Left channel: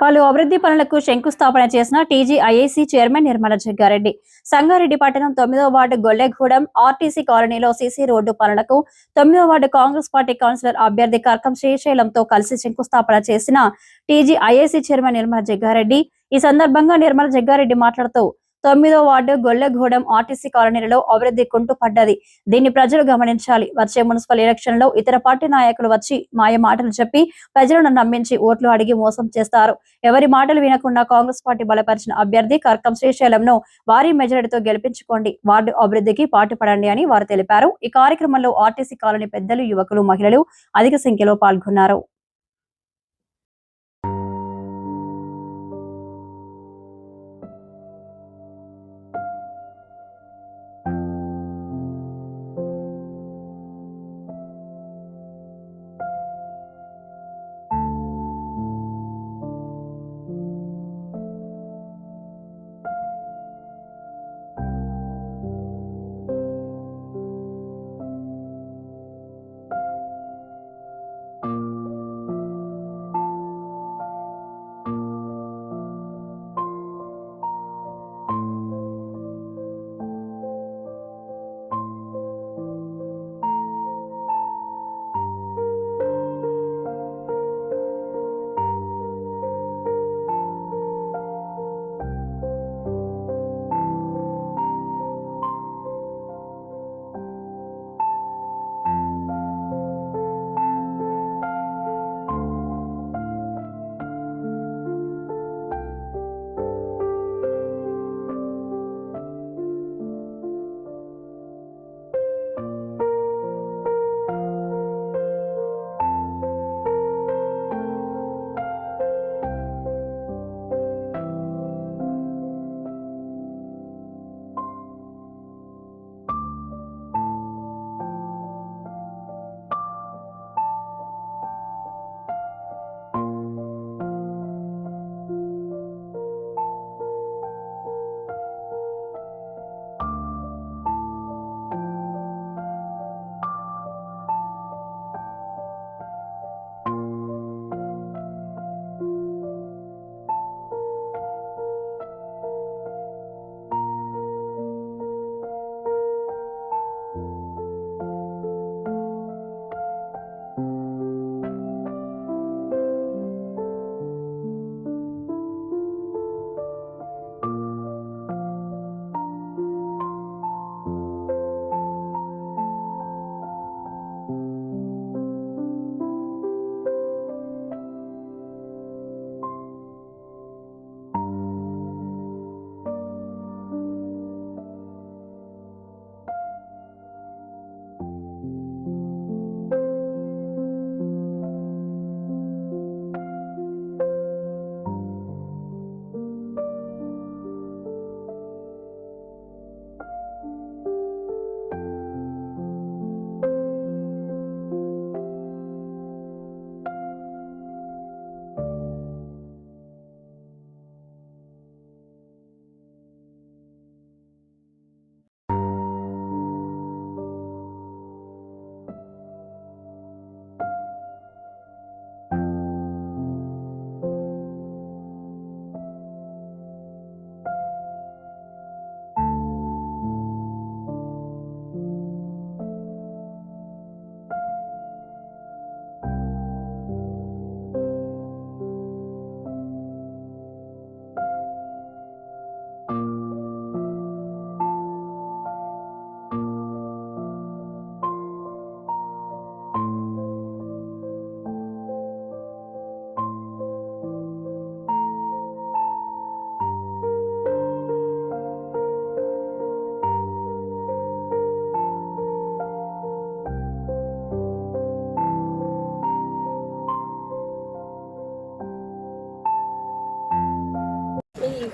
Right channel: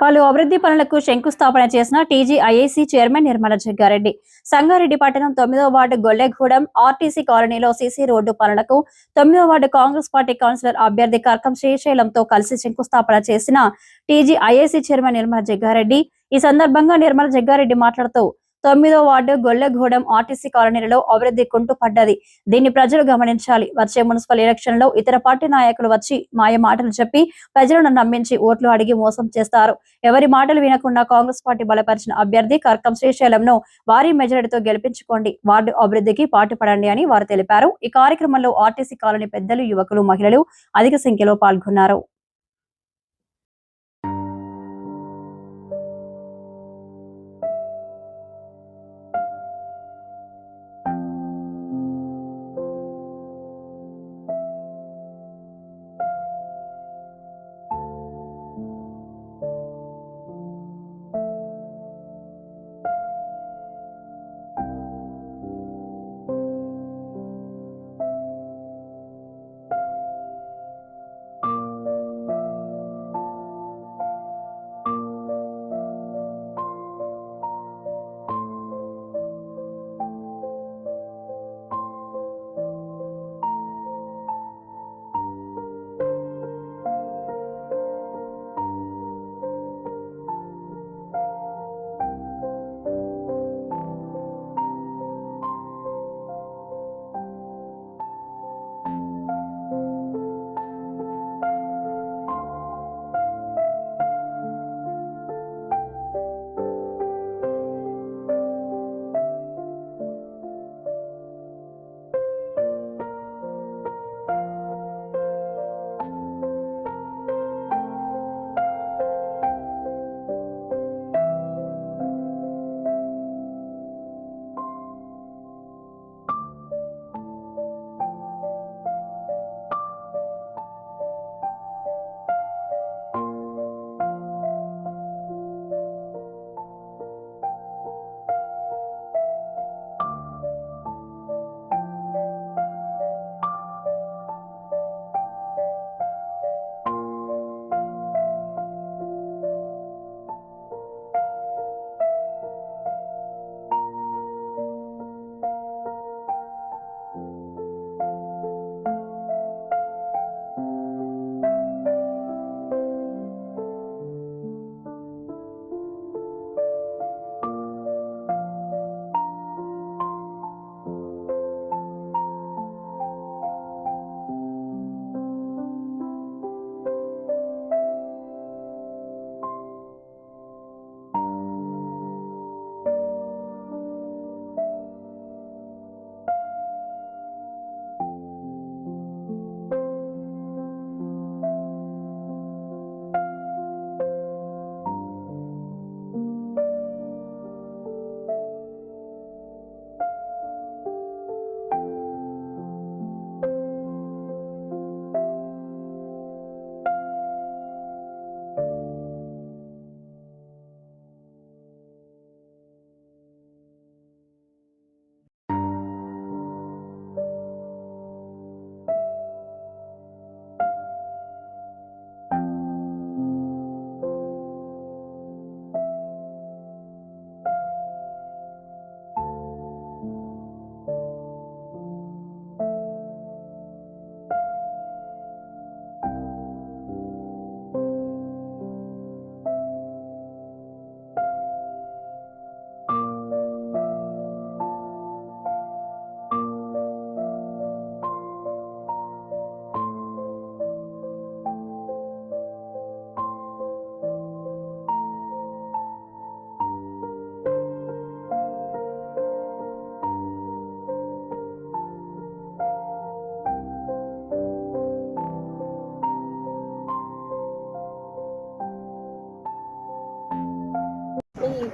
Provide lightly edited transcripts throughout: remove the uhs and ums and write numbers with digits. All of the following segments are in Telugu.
పలు అభివృద్ధి పనులకు శంకుస్థాపన చేసిన టీజీఐఏసీ చైర్మన్ నిర్మల జగ్గారెడ్డి సంగారెడ్డి పట్టణం 9వ వార్డు గొల్లెగూడెం ఆర్టీసీ కాలనీలో సీసీ రోడ్డు పనులకు 9వ వార్డు కాంగ్రెస్ పార్టీ కౌన్సిలర్ అభ్యర్థి కర్కం శ్రీశైలంతో కలిసి శంకుస్థాపన చేసిన టీజీఐఏసీ చైర్మన్ నిర్మల జగ్గారెడ్డి. ఈ సందర్భంగా నిర్మల జగ్గారెడ్డి మాట్లాడుతూ 9వ వార్డు గొల్లెగూడెం ఆర్టీసీ కాలనీలలో అభివృద్ధి కుంటుపడ్డది. దీన్ని ప్రజలు గమనించాలి. వచ్చే మున్సిపల్ ఎలక్షన్ లో ఇతర పార్టీ నాయకులు వచ్చి మాయ మాటలు చెప్పి ప్రజలను నమ్మించి ఓట్లు అడిగి మోసం చేస్తారు. ఎవరి మాటలు వినకుండా కాంగ్రెస్ పార్టీ బలపరిచిన అభ్యర్థి కర్కం శ్రీశైలంను భారీ మెజారిటీతో గెలిపించుకోండి, వార్డు అభివృద్ధికి పాటుపడండి అని వారు తెలిపారు. ఈ కార్యక్రమంలో ఆర్టీసీ కాలనీ పెద్దలు, యువకులు, మహిళలు అధిక సంఖ్యలో పాల్గొన్నారు.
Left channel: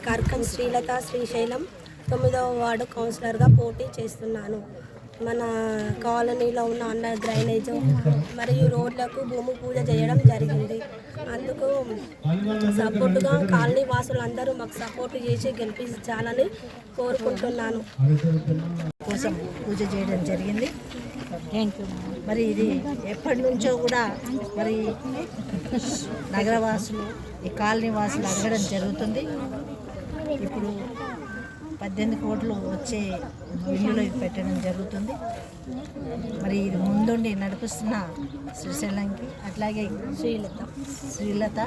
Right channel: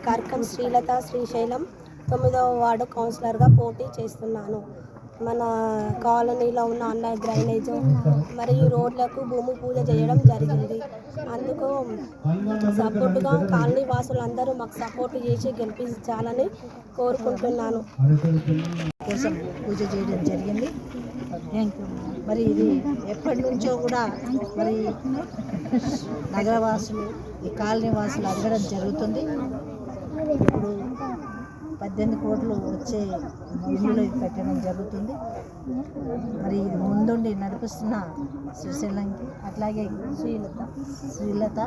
కర్కం శ్రీలత శ్రీశైలం 9వ వార్డు కౌన్సిలర్గా పోటీ చేస్తున్నాను. మన కాలనీలో ఉన్న అండర్ డ్రైనేజ్ మరియు రోడ్లకు భూమి పూజ చేయడం జరిగింది. అందుకు సపోర్టుగా కాలనీ వాసులందరూ మాకు సపోర్ట్ చేసి గెలిపించాలని కోరుకుంటున్నాను. కోసం పూజ చేయడం జరిగింది. మరి ఇది ఎప్పటి నుంచో కూడా మరి నగరవాసులు ఈ కాలనీ వాసులు అడగడం జరుగుతుంది. ఇప్పుడు 18 కోట్లు వచ్చే బిల్లులో ఇది పెట్టడం జరుగుతుంది. మరి ఇది ముందుండి నడిపిస్తున్న శ్రీశైలంకి అట్లాగే శ్రీలత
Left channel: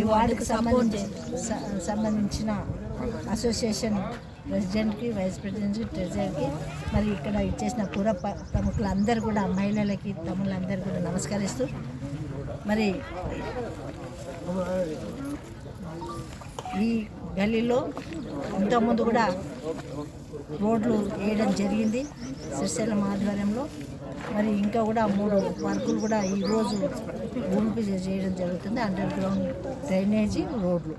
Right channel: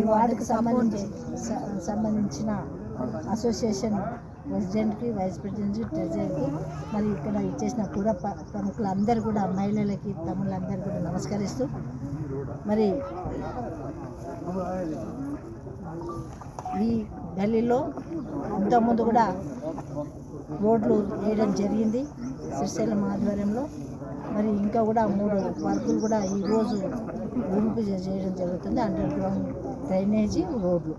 ఈ వార్డుకు సంబంధించిన అసోసియేషన్ ప్రెసిడెంట్కి, వైస్ ప్రెసిడెంట్కి, ట్రెజరర్కి, మరి ఇక్కడ ఇచ్చేసిన పుర ప్రముఖులందరూ కూడా మహిళలకి, తమ్ముళ్ళందరూ కూడా నమస్కరిస్తూ మరి ఈ గల్లీలో అంతకుముందు కూడా రోడ్లు వేయడం జరిగింది శ్రీశైలం ఆధ్వర్యంలో. మరి ఇంకా కూడా 3 వర్కులు కూడా ఈరోజు భూమి పూజ చేయడం జరుగుతుంది. అండర్ గ్రౌండ్ డ్రైనేజీ, రోడ్లు.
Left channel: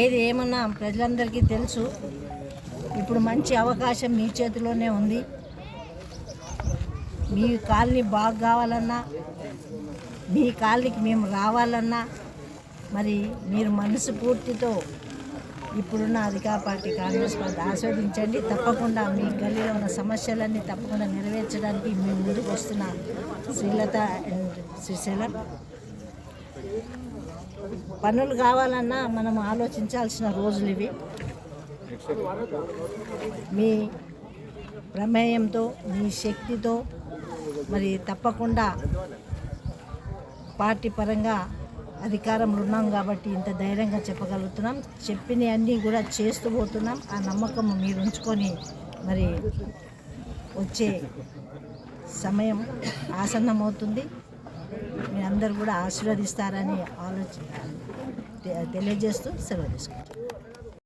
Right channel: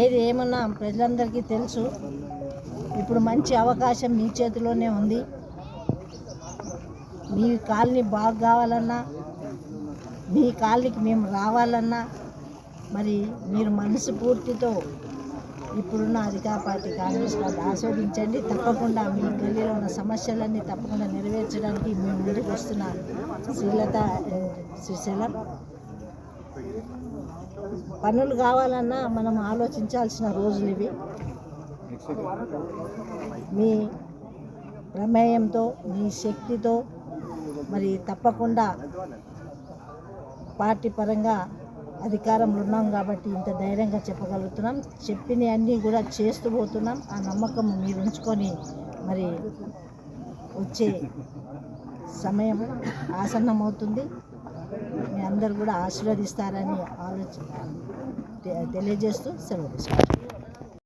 ఏది ఏమన్నా ప్రజలందరికీ తెలుసు. ఇప్పుడు మంచి అవకాశం మీ చేతిలోనే ఉంది. మీ కాలనీ బాగా కావాలన్నా, మీ కాలనీకి మేము రావాలన్నా మరి మీరు మనస్ఫూర్తితో ఇప్పుడున్న అధికార పార్టీ కాంగ్రెస్ పార్టీ ఆస్వాదించండి. తప్పకుండా మీ గల్లీలో ఉన్న సమస్యలన్నీ తప్పకుండా నెరవేర్చడానికి మేము ముందుకు వస్తున్న శ్రీలత శ్రీశైలం. పనులు కావాలన్నా మనం ఆలోచించాల్సిన రోజులు ఇవి. మీ ప్రమేయంతో, మీ శక్తితో మరి తప్పకుండా పార్టీ పరంగా అధికారంలో ఉన్నాం కాబట్టి ఇంత ధైర్యంగా చెప్పగలుగుతున్నాం. చెప్పిన అన్నీ కూడా చేస్తూ పోతున్నాం. ఆ నమ్మకం మీరు ఉంచుకొని మరి వచ్చే సమయం ఆసన్నమవుతుంది. మీ అందరూ కూడా ఆశీర్వదిస్తారని తెలియజేస్తూ సెలవు తీసుకుంటాం.